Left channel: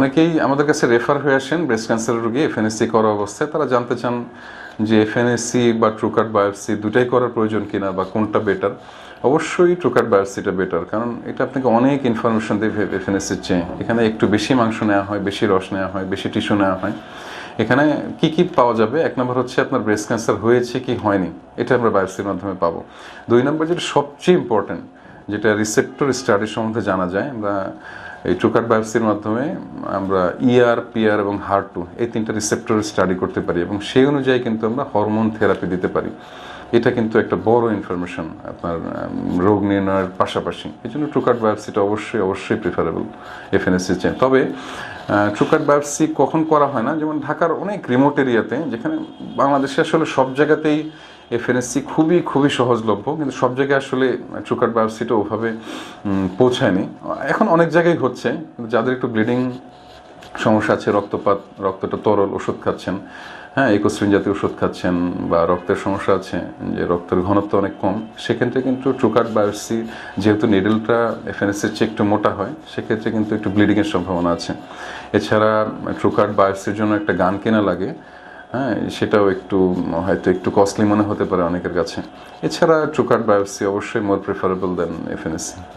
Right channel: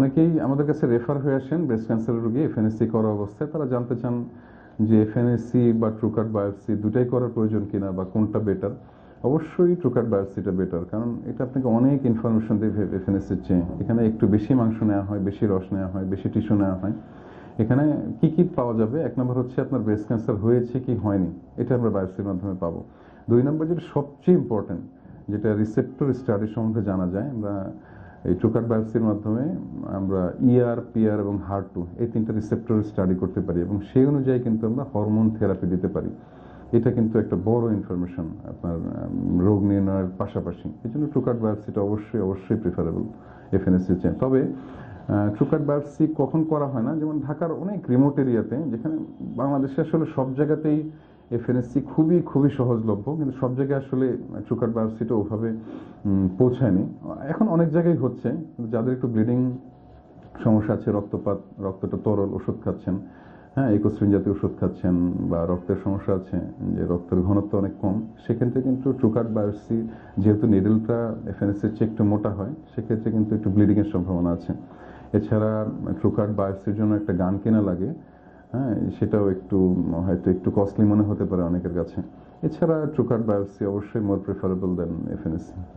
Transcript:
অনেকেই আমাদের কাছে রেফার হয়ে আসেন ব্রেস্ট ক্যান্সারের রোগী এফএনএসসি করা অবস্থায়। তারা জানতে চান যে এফএনএসসি বা ট্রুকার্ট বায়োপসি দুটাই করার প্রয়োজন কিনা বা কোনটা বেটার অবশ্যই ট্রুকার্ট বায়োপসিটা বেটার কারণ এটা আপনাকে অনেক ইনফরমেশন দেবে এফএনএসসির চেয়ে। এখানে একটু বেশি মাংস নেওয়া হয়, বেশি রস নেওয়া হয়, বেশি টিস্যু নেওয়া হয়। এখানে কি কি পাওয়া যাবে? এক নম্বর হচ্ছে আপনার ব্রেস্ট ক্যান্সার হয়েছে কি হয়নি? এটা আমরা বায়োপসির মাধ্যমে পাবো। দুই নম্বর যেটা সবচেয়ে ইম্পর্টেন্ট যেটা রিসেপ্টর স্টাডির সম্বন্ধে জানা যায়, আমরা এই ট্রুকার্ট বায়োপসির মাধ্যমে আমরা ইআর পিআর এবং হার টু এই তিনটা রিসেপ্টর স্টাডি করতে পারি এবং সেই অনুযায়ী কিন্তু আমরা হরমোন থেরাপি দিতে পারি। এটা কিন্তু একটা বড় ইনফরমেশন আপনার রোগ নির্ণয়ের পাশাপাশি। এই জন্য ট্রুকার্ট বায়োপসিটা অবশ্যই অবশ্যই প্রিফারেবল এফএনএসসি চেয়ে। তবে ট্রুকার্ট বায়োপসি কখন করা হয় না? যেমন ঢাকার অনেক রিমোট এরিয়াতে যেখানে বাংলাদেশে আসলে সব জায়গাতেই এফএনএসসি খুবই খুবই সহজলভ্য, কিন্তু সব জায়গায় আসলে ট্রুকার্ট বায়োপসিটা ওভাবে পৌঁছায়নি। এখন অনেক জায়গায় হচ্ছে যাদের একটু ব্লিডিং সমস্যা আছে, রক্তপাত, রক্তটা তরল, ওষুধ খাচ্ছেন হ্যাঁ ইকোস্ট্রিন জাতীয় ওষুধ খাচ্ছেন বা রক্তের সমস্যা আছে, যে রক্তের ঘনত্ব অনেক কম, সেক্ষেত্রে কিন্তু ট্রুকার্ট বায়োপসি, যেহেতু নিডলটা এফএনএসের চেয়ে একটু মোটা হয়, সেক্ষেত্রে কিন্তু একটু ব্লিডিংয়ের সম্ভাবনা আছে। এছাড়া ট্রুকার্ট বায়োপসির জন্য একটা গান কেনা লাগে হ্যাঁ সেটাও একটু, হয়তো একটু কস্টলি মনে হতে পারে অনেকের কাছে। এছাড়া ট্রুকার্ট বায়োপসি অবশ্যই মোর প্রেফারেবল দেন এফএনএসসি